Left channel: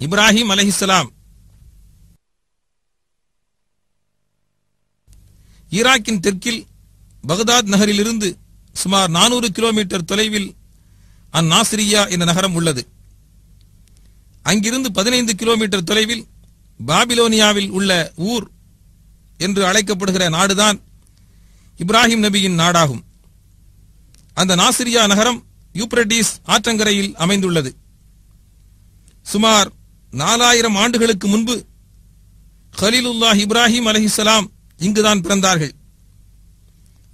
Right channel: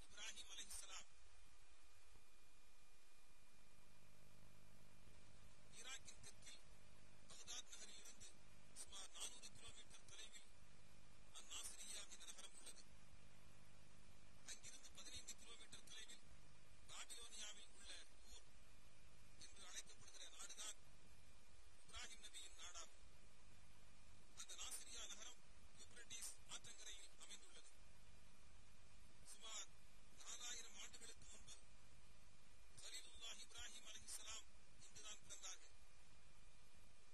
இப்ராஹிம் அலைஹிஸ்ஸலாம் ஈராக்கின் தெற்கில் பகதாத் நகரிலிருந்து சுமார் 400 கிலோமீட்டர் தொலைவில் அந்நாசிரியா என்ற நகரம் உள்ளது. அங்கிருந்து 15 கிலோமீட்டர் தொலைவில் பாபிலோனியாவில் உள்ள ஊர் என்று அழைக்கப்படுகிற நாடுதான் இப்ராஹிம் நபியின் நாடாகும். அந்த நாசிரியா நகரம் யூப்ரட்டிஸ் ஆற்றங்கரையில் அமைந்துள்ளது. சுமார் 4000 ஆண்டுகளுக்கு முன்பு கலீலுல்லாஹ் இப்ராஹிம் அலைஹிஸ்ஸலாம் இங்குதான் பிறந்தார்கள்.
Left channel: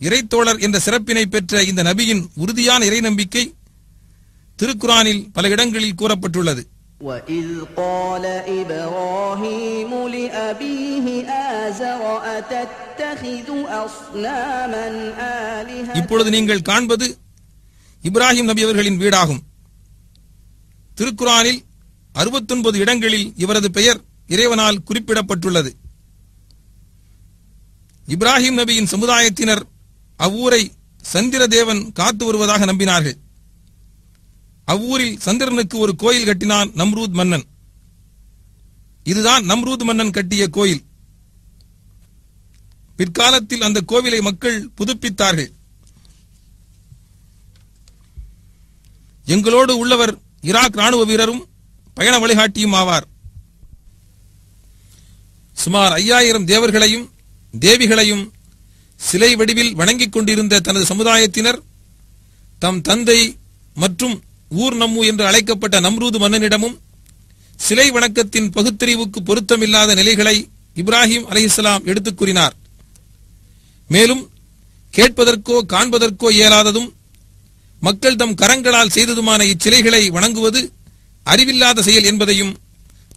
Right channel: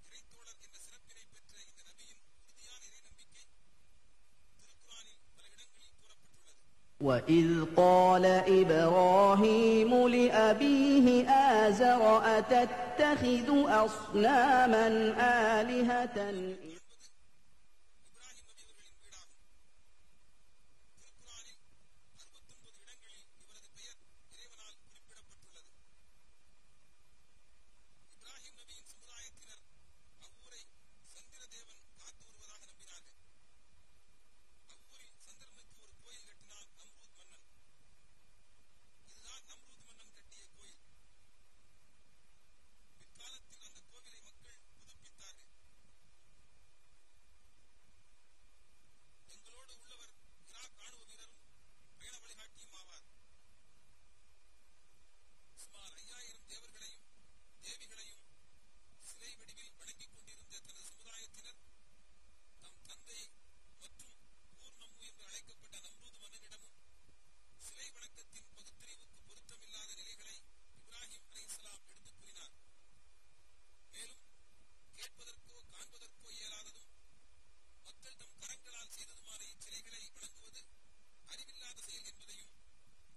இறைத்தோழர் என்ற சிறப்பினை பெற்ற இந்த நபியின் உறுதியான இறை நம்பிக்கை திருக்குரானில் பல இடங்களில் கூறப்பட்டுள்ளது. وَإِذْ قَالَ إِبْرَاهِيمُ لِأَبِيهِ آزَرَ أَتَتَّخِذُ أَصْنَامًا آلِهَةً. இப்பொழுது நீங்கள் காண்பது இப்ராஹிம் நபி அவர்களின் வீடாகும். திருக்குரானில் 69 இடங்களில் இவரது பெயர் இறைவனால் குறிப்பிடப்பட்டுள்ளது. இப்ராஹிம் நபியின் சமுதாயத்தினர் அவ்வூரை சந்திர தேவன் காத்து வருவதாக நம்பினார்கள். அவ்வூரில் சந்திரனுக்கு ஒரு கோயில் கட்டினான் நம்ரூத் மன்னன். இதுதான் நம்ரூத் மன்னன் கட்டிய கோயில். பிற்காலத்தில் அந்த கோவிலை மக்கள் புதுப்பித்தார்கள். எங்களோடு உள்ளவர் ஈராக் ராணுவ வீரரும் பயண வழிகாட்டியும் ஆவார். சுமார் 5000 தேவர்களையும் தேவிகளையும் சிலை வடிவில் வணங்கிக் கொண்டிருந்த தனது சமுதாயத்தினர் தம் தந்தை மற்றும் ஊர் நம்மு என்று அழைக்கப்பட்ட நம்ரூது மன்னனிடமும் சிலை வணக்கத்தின் பகுத்தறிவுக்கு பொருத்தமில்லாத நிலைகளை இப்ராஹிம் அலைஹிஸ்ஸலாம் எடுத்துக் கூறினார். மேலும் கேட்பதற்கோ காண்பதற்கோ இயலாததும் மக்கள் தம் கரங்களால் செய்ததுமான இச்சிலைகளை வணங்குவது அறிவில்லாத செயல் என்பதையும்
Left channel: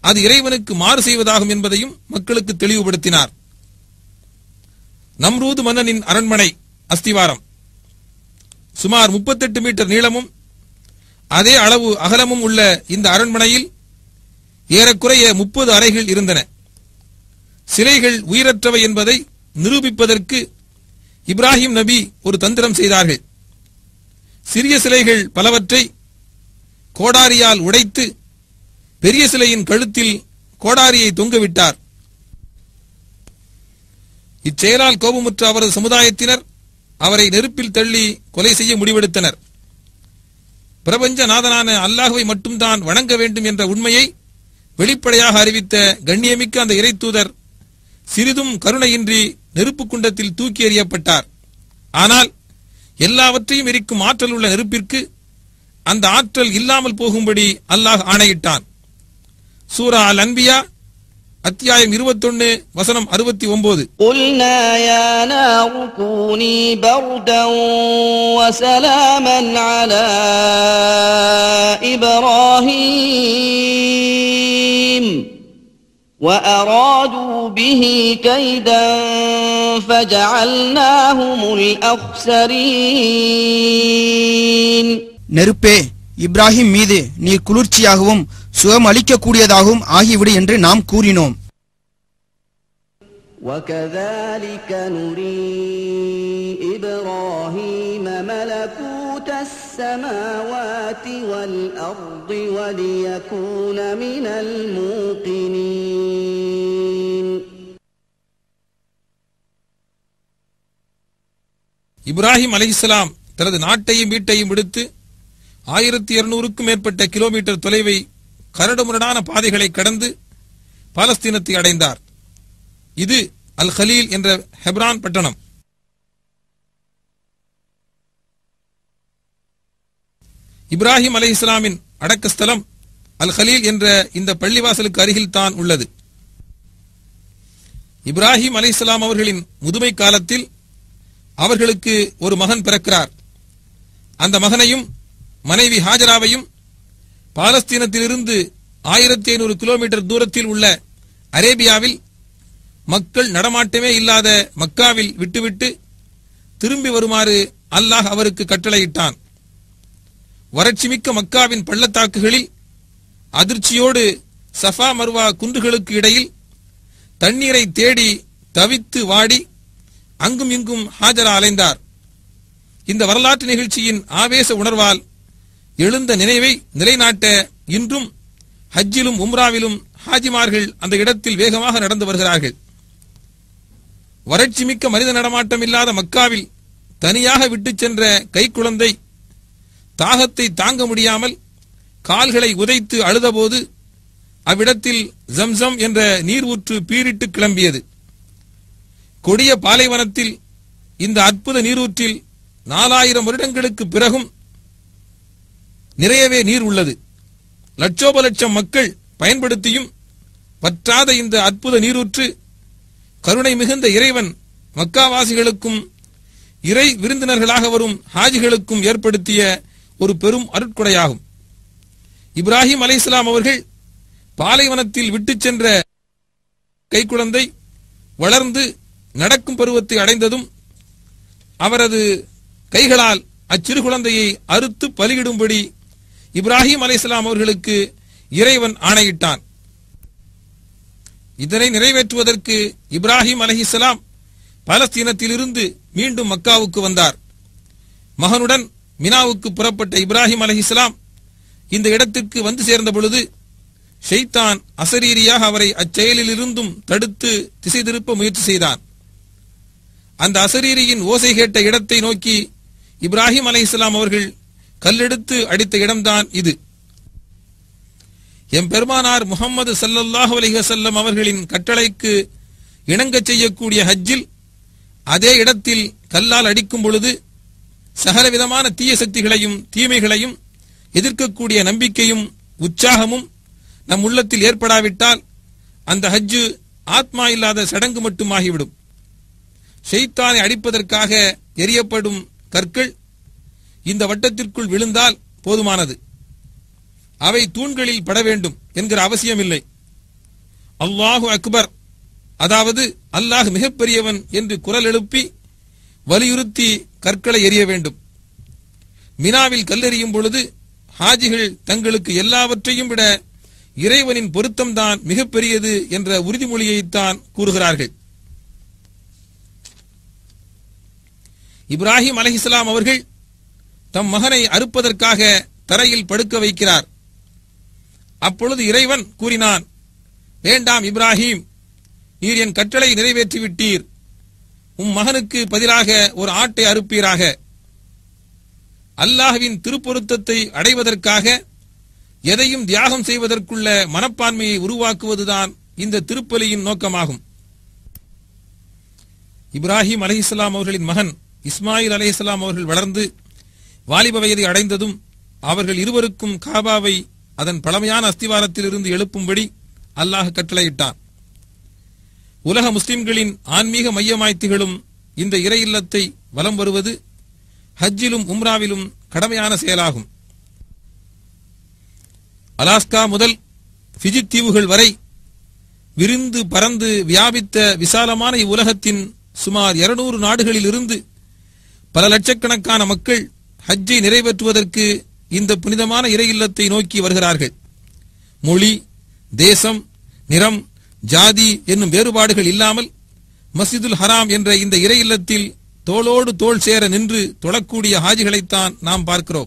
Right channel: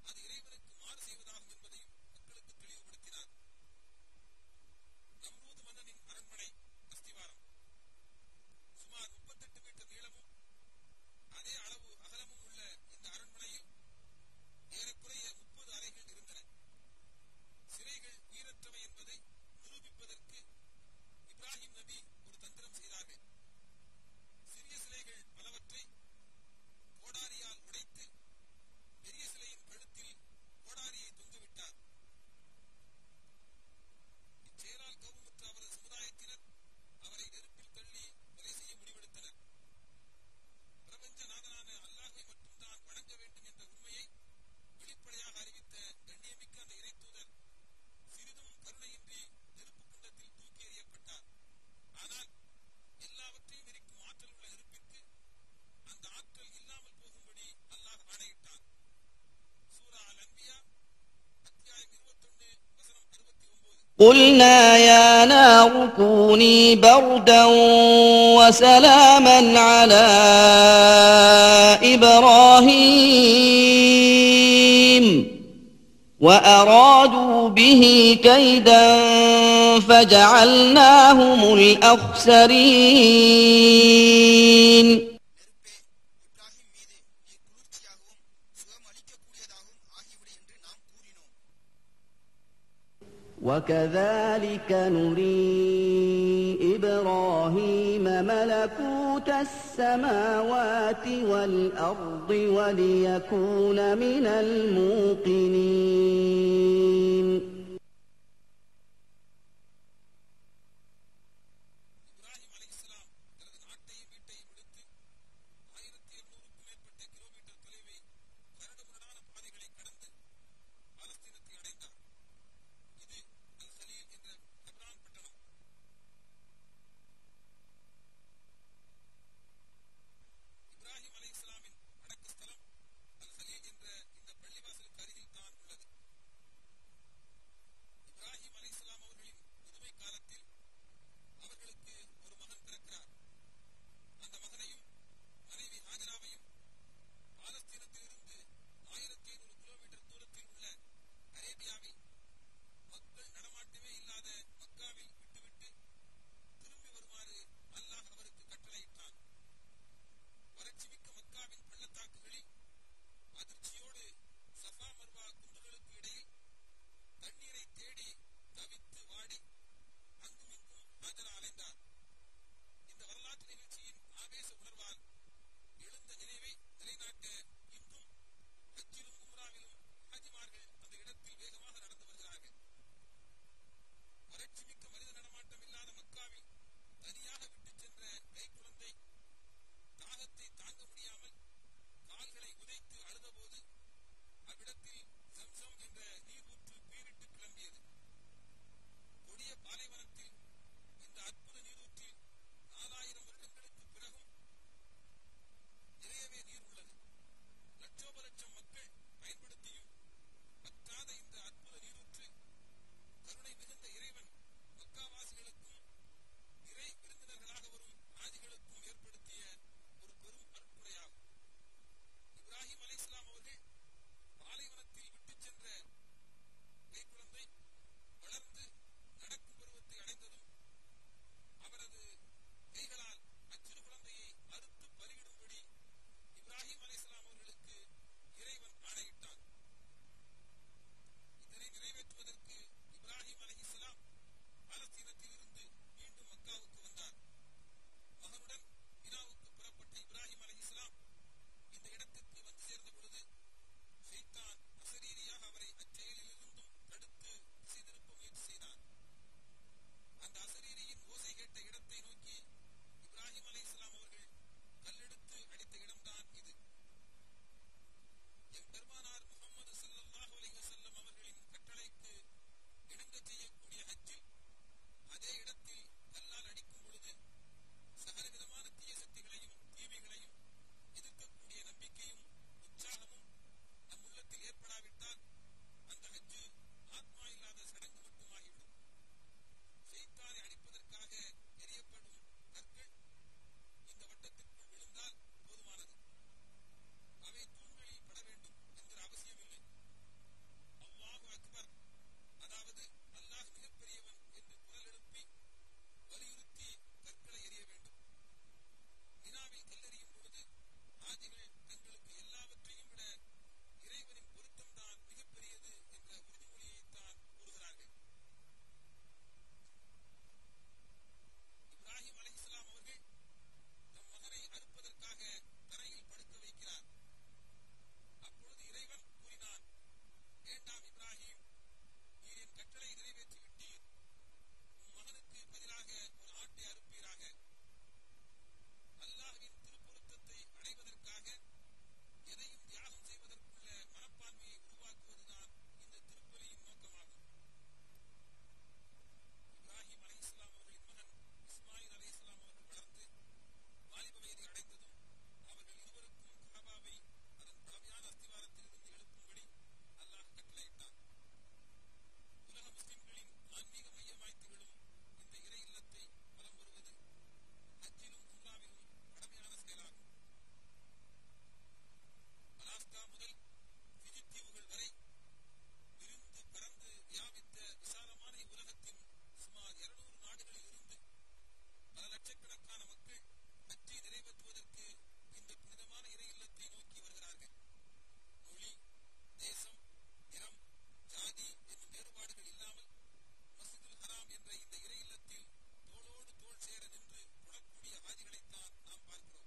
அது இறைவனுக்கு மாறு செய்வதாகும் என்பதையும் மக்களுக்கு தெளிவுபடுத்தினார். நம்ரூது மன்னனின் அரண்மனை அஸ்திவாரம் சுமார் 38 மீட்டர் நீளமும் அதே அளவு அகலமும் உள்ள இந்த அரண்மனையில் ஏறக்குறைய 30 அறைகள் இருந்தன. சிலைகள் உயிரற்றவை என்பதை நிரூபிப்பதற்கு இப்ராஹிம் நபி ஒரு தந்திரம் செய்தார்கள். சிறிய சிலைகள் பலவற்றை கோடாரியால் உடைத்து பெரிய சிலையின் கழுத்தில் கோடாரியை தொங்கவிட்டார். இச்செயலால் கோபமுற்ற அவரது சமுதாயத்தினர் அவரை நெருப்பில் தள்ளி கொலை செய்ய முடிவெடுத்தனர். பிரபஞ்ச நாதனான அல்லாஹ்வை மட்டும்தான் வணங்க வேண்டும் என்ற உண்மையை வெளிப்படையாக அறிவித்த கண்ணியமிக்க அந்த இறை தூதர் சிறிதும் கருணையின்றி நெருப்பு குண்டத்தில் தூக்கி எறியப்பட்டார். ஆனால் எல்லாவற்றையும் எரிக்கும் ஆற்றல் உள்ள நெருப்பிற்கு அந்த ஆற்றல் இல்லாமல் போகும்படி அல்லாஹ் ஆணையிட்டான். சூரா அல் அன்பியா அத்தியாயம் 21 வசனம் 69. قُلْنَا يَا نَارُ كُونِي بَرْدًا وَسَلَامًا عَلَى إِبْرَاهِيمَ وَأَرَادُوا بِهِ كَيْدًا فَجَعَلْنَاهُمُ الْأَخْسَرِينَ. நெருப்பே, இப்ராஹிம் மீது நீர் குளிர்ச்சியாகவும் சுகம் அளிக்கக்கூடியதாகவும் ஆகிவிடு என்று நாம் கூறினோம். وَكَذَلِكَ نُرِي إِبْرَاهِيمَ مَلَكُوتَ السَّمَاوَاتِ وَالْأَرْضِ وَلِيَكُونَ مِنَ الْمُوقِنِينَ. இப்ராஹிம் அலைஹிஸ்ஸலாம் தனது நாட்டையும் வீட்டையும் விடுத்து 1200க்கும் மேற்பட்ட கிலோமீட்டர் தொலைவை கரடுமுரடான பாதைகளை கடந்து பாலஸ்தீனத்தை அடைந்தார். இது அல் கலீல் என்ற ஹெப்ரான் பட்டணம். இப்ராஹிம் அலைஹிஸ்ஸலாமின் அடக்கஸ்தலம் அல் கலீல் என்ற இந்த பள்ளிவாசலுக்கு அருகில் தான் உள்ளது. இப்ராஹிம் அலைஹிஸ்ஸலாம் அவர்களின் முதுமை காலத்தில் அவர்களுக்கு ஒரு மகன் பிறக்கிறார். அந்த மகனையும் மனைவி ஹாஜராவையும் பாலஸ்தீனத்திலிருந்து 1500 கிலோமீட்டர் தூரத்தில் உள்ள அரேபியாவில் மக்கள் நடமாட்டமே இல்லாத மக்காவில் விட்டுவிட்டு திரும்பி வருமாறு அல்லாஹ் அவருக்கு கட்டளையிட்டான். வறட்சிமிக்க மக்காவின் பள்ளத்தாக்குகளில் அதிர்ச்சியோடு சஃபா மர்வா குன்றுகளுக்கு இடையில் தண்ணீரை தேடி தவித்து வாடி அங்கும் இங்கும் ஹாஜரா அலைந்தார். இந்த வரலாற்று நிகழ்ச்சியின் ஆவேச உணர்வால் எழுந்த நினைவை நிலைநாட்ட இன்றும் ஹஜ்ஜிலும் உம்ராவிலும் ஹாஜிமார்கள் அந்த இடத்தில் வேகமாக நடந்து வருகிறார்கள். வறட்சி மிக்க மனித நடமாட்டம் இல்லாத மக்காவில் தனியாக விட்டுச் சென்ற கைக்குழந்தை தாகத்தை தாங்க முடியாமல் கால்களை உதைத்து அழுதபோது அவ்விடத்தில் ஜம்சம் என்ற நீர் ஊற்று பீரிட்டு கிளம்பியது. கொடிய பாலைவனத்தில் இந்த அற்புத நீரூற்றில் 4000 வருடங்களுக்கு பிறகும் நிறையவே நீர் உள்ளது. லட்சோப லட்சம் மக்கள் பயன்படுத்தியும் பற்றாத இந்த அற்புத நீரூற்று கருணை மிகுந்த இறைவன் மக்காவாசிகளுக்கும் இறை விருந்தினர்களாக வரும் ஹாஜிகளுக்கும் ஏற்படுத்திய ஒரு பெரும் அருட்கொடையாகும். இப்ராஹிம் அலைஹிஸ்ஸலாம் அவர்கள் பாலைவனத்தில் விட்டுச் சென்ற கைக்குழந்தை வளர்ந்து நடக்கும் பருவத்தை அடைந்ததும் அவரது கைகளால் அச்சிறு குழந்தையை அறுத்து பலியிடும்படி இப்ராஹிம் அலைஹிஸ்ஸலாம் அவர்களுக்கு இறைவன் ஆணையிட்டான். இதனை நிறைவேற்றுவதற்கு இப்ராஹிம் அலைஹிஸ்ஸலாம் பாலஸ்தீனத்திலிருந்து மீண்டும் மக்காவுக்கு வந்தார். மகனுடன் மினாவுக்கு புறப்பட்ட இப்ராஹிம் அலைஹிஸ்ஸலாம் இந்த இடத்திற்கு வந்து சேர்ந்த பொழுது ஷைத்தான் அசரீரியாக அவரை அச்செயலில் இருந்தும் தடுத்து திசை திருப்ப முயற்சி செய்தான். அந்த அசரீரியின் ஓசை கேட்ட இடத்தை நோக்கி இப்ராஹிம் அலைஹிஸ்ஸலாம் அவர்கள் கல்லெடுத்து அடித்த இடம்தான் இது. எம்பெருமானார் முஹம்மது ஸல்லல்லாஹு அலைஹி வஸல்லம் அவர்களின் கட்டளைக்கு இணங்கச் செய்யக்கூடிய ஹஜ்ஜில் அதே இடத்தில் கல்லால் அடிக்கும் பொழுது சகலவிதமான தீய சக்திகளையும் தீமைகளையும் எதிர்க்கக்கூடிய நம்பிக்கையும் உற்சாகமும் நம் உள்ளத்தில் ஏற்படாவிட்டால் அந்த ஹஜ்ஜு ஆத்மா இல்லாத சடங்கு மட்டும் ஆகிவிடும். ஷைத்தானை அடிப்பதற்காக எரியப்படும் கற்கள் இந்த வட்டத்திற்குள் விழுந்தால் போதுமானது. அவை தூண்களில் பட வேண்டும் என்கிற அவசியமில்லை. அல்லாஹு அக்பர், அதாவது அல்லாஹ் மிகப்பெரியவன் என்று குரல் எழுப்பி வலியுறுத்தி கற்களை எறிய வேண்டும். மினாவில் கல்லெறியும் பொழுது ஹாஜிகள் தங்களுக்கு எல்லாவற்றையும் விட இறைவனின் பொருத்தம்தான் மிகப்பெரியது என்ற உறுதிமொழியைத்தான் கூறுகிறார்கள். இப்ராஹிம் அலைஹிஸ்ஸலாம் அவர்கள் தம் மகனை அறுப்பதற்காக தரையில் படுக்க வைக்கிறார். அப்பொழுது இறைவன் கூறினான், வேண்டாம் இப்ராஹிம், நீர் என் கட்டளை நிறைவேற்றிவிட்டீர். உம் மகனுக்கு பதிலாக ஒரு ஆட்டை அறுப்பீராக. அல்லாஹ்வின் திருப்பொருத்தத்தை அடைவதற்காக எதையும் தியாகம் செய்வதற்குள்ள மனப்பான்மையை உருவாக்குவதுதான் இந்த திருப்பலியின் நோக்கமாகும். இப்ராஹிம் அலைஹிஸ்ஸலாம் அவர்களின் மகன் இஸ்மாயில் அலைஹிஸ்ஸலாம் அவர்கள் வளர்ந்து வாலிப வயதை அடைந்ததும் அவர்கள் இருவருக்கும் காபாவை அதன் பழமையான அஸ்திவாரத்தில் இருந்து எழுப்பும்படி அல்லாஹ் கட்டளையிட்டான். உலக முஸ்லிம்களின் ஆன்மீக மையமாய் திகழும் இந்த இறை இல்லத்தை வலம் வருவது ஹஜ்ஜிலும் உம்ராவிலும் கடமையான செயலாகும். அலாஸ்கா முதல் ஃபிஜி தீவுகள் வரை விரிந்து பறந்து வியாபித்த விசாலமான இவ்வுலகத்தின் சுமார் 200 நாடுகளில் இருந்து பல லட்சக்கணக்கான மக்கள் ஹஜ்ஜை நிறைவேற்றுவதற்கு இந்த புனிதமான இறை இல்லத்தை நோக்கி வருகிறார்கள். மொழி, தேசம், நிறம், ஜாதி என்னும் வேறுபாடுகள் இல்லாமல் மஸ்ஜிதுல் ஹராம் என்ற இந்த இறை இல்லத்தில் தோளோடு தோள் சேர நின்று தொழக்கூடிய ஹாஜிகளைத்தான் நாம் பார்க்கிறோம்.